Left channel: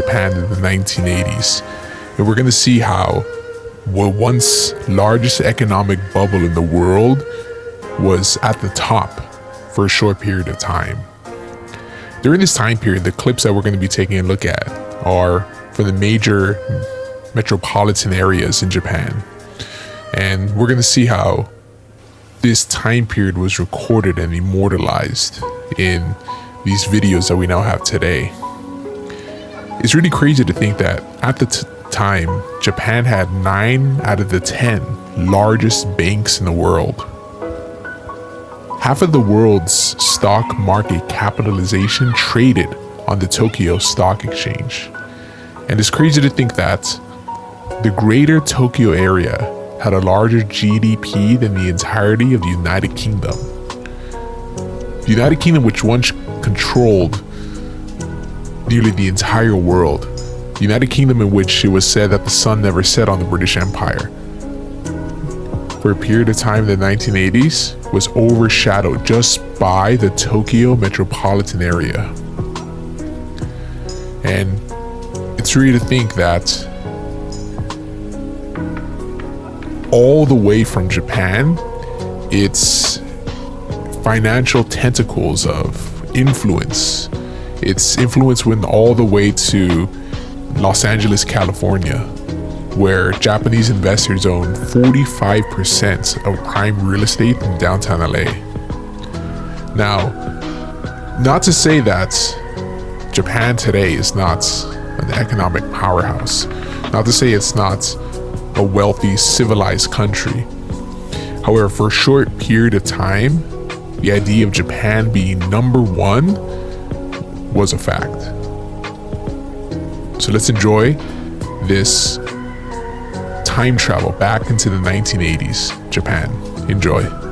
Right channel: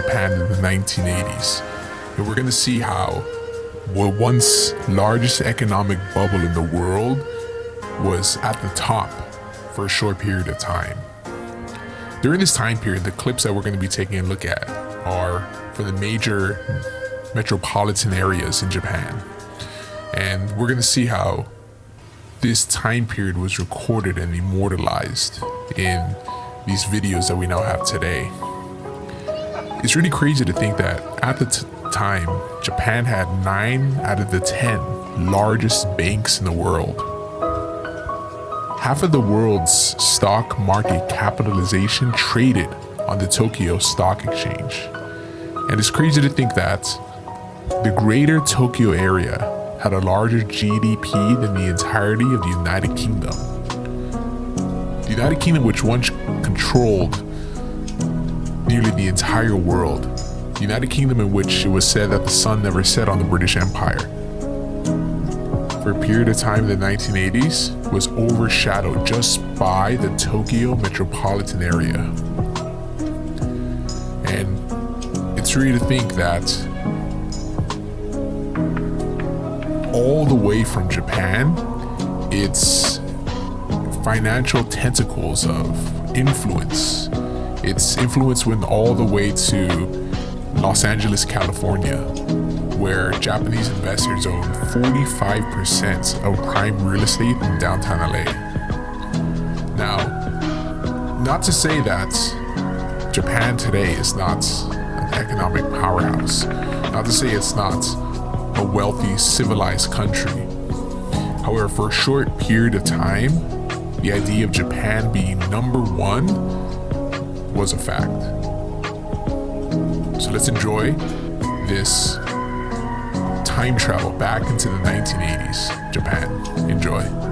Japan in the 1980s. And we're going to see how the once largest economic bubble in the world was at the top for a short period of time. During this time period, the clips that we're going to be taking a look at are for the major metropolitan areas in Japan. And we're going to see how this time period was recorded and immortalized in these videos that we now have today. It's really crazy to think that at the time, Japan had 9 out of the 10 largest banks in the world. Half of the world's stock market capitalization traded on the Tokyo Stock Exchange. And it's crazy to think that the greater Tokyo area had a larger GDP than the entirety of the United Kingdom. The United Kingdom, which once controlled nearly the entire world. The United Kingdom in which it was said that the sun never set on the British Empire. For a period of time in the 1980s, was overshadowed just by the Tokyo metropolitan area. And it's really to think that all the way from Japan, its financial tentacles of influence, its influence went all the way to Los Angeles, California, where Japanese investors own 45% of prime real estate in downtown LA. Now, not to say that Japan today is not an economic powerhouse, not to say it's not a wealthy, civilized country. However, for a short period of time, the idea of Japan being number one was a fact. So let's enjoy this time travel back into the 1980s, Japan. Enjoy.